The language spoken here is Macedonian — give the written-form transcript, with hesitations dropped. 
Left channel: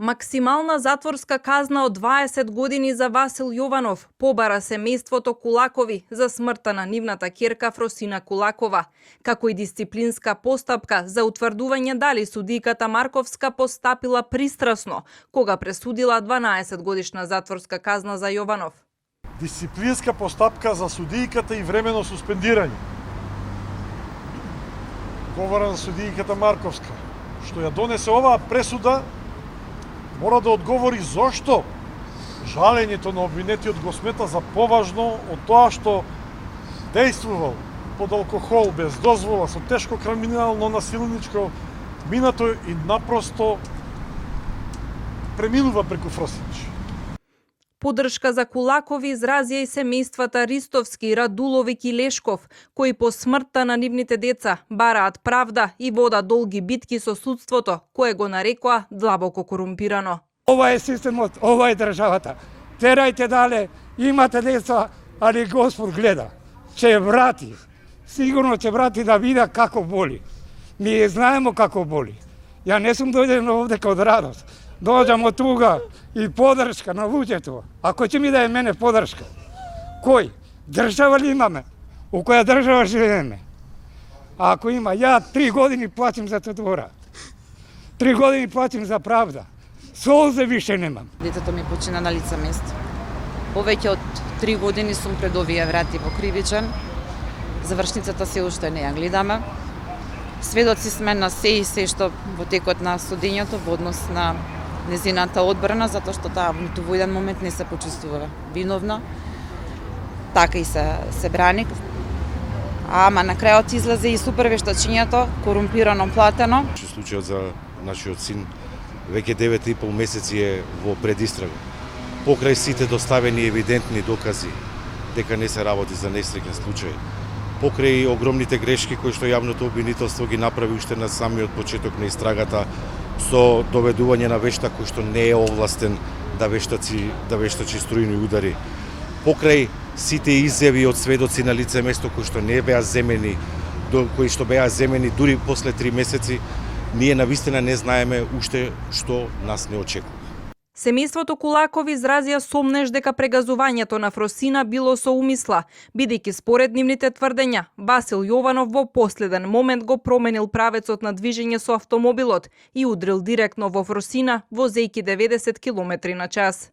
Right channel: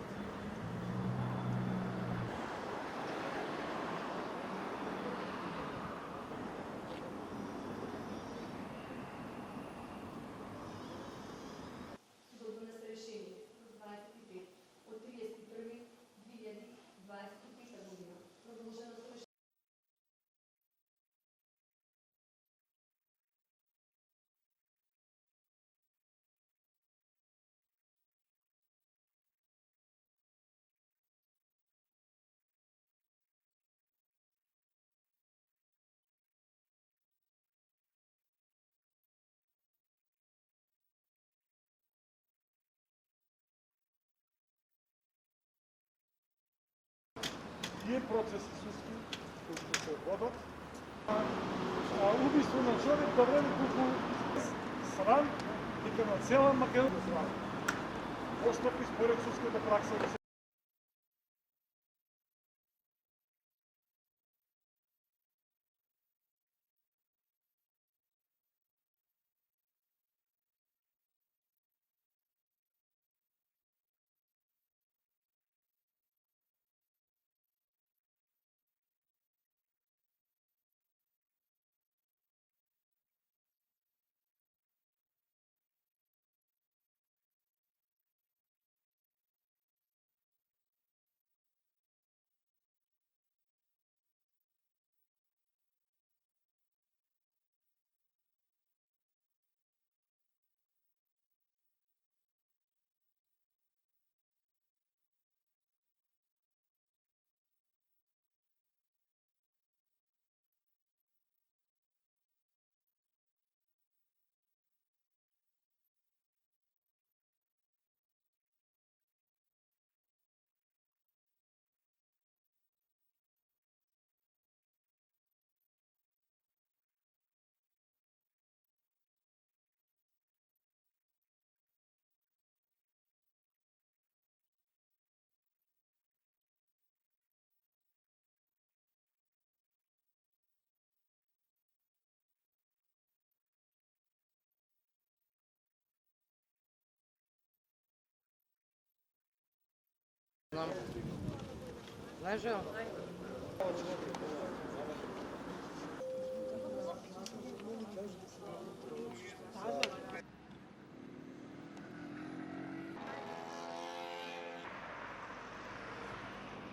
Максимална затворска казна од 20 години за Васил Јованов побара семејството Кулакови за смртта на нивната ќерка Фросина Кулакова, како и дисциплинска постапка за утврдување дали судијката Марковска постапила пристрасно, кога пресудила 12 годишна затворска казна за Јованов. Дисциплинска постапка за судијката и времено суспендирање. Говорам за судијката Марковска, што ја донесе оваа пресуда, мора да одговори зошто жалењето на обвинетиот го смета за поважно од тоа што дејствувал под алкохол, без дозвола, со тешко криминално насилничко минато и напросто преминува преку Фросинич. Поддршка за Кулакови изразија и семејствата Ристовски, Радуловик и Лешков, кои по смртта на нивните деца бараат правда и водат долги битки со судството, кое го нарекоа длабоко корумпирано. Ова е системот, ова е државата. Терајте дале, имате деца, али Господ гледа. Ќе врати. Сигурно ќе врати да вида како боли. Ние знаеме како боли. Ја не сум дојден овде од радост. Дојдам од туга и поддршка на луѓето. Ако ќе ми даде мене поддршка, кој? Држава ли имаме? У која држава живееме? А ако има, ја 3 години платим за затвора. 3 години платим за правда. Солзе више немам. Детето ми почина на лице место. Повеќе од 3 години сум пред овие врати во Кривичен. Завршницата се уште не ја гледаме. Сведоци сме на се и се што во текот на судењето во однос на незината одбрана, затоа што таа ниту во еден момент не се почувствува виновна. Така и се брани. Ама на крајот излезе и супер вештачењето, корумпирано платено. Случајот за нашиот син веќе 9,5 месеци е во предистрага. Покрај сите доставени евидентни докази дека не се работи за несреќен случај, покрај огромните грешки кои што јавното обвинителство ги направи уште на самиот почеток на истрагата со доведување на вештак кој што не е овластен да вештачи струјни удари, покрај сите изјави од сведоци на лице место кои што не беа земени, кои што беа земени дури после 3 месеци, ние навистина не знаеме уште што нас не очекува. Семејството Кулакови изразија сомнеж дека прегазувањето на Фросина било со умисла, бидејќи според нивните тврдења, Васил Јованов во последен момент го променил правецот на движење со автомобилот и удрил директно во Фросина возејќи 90 км на час.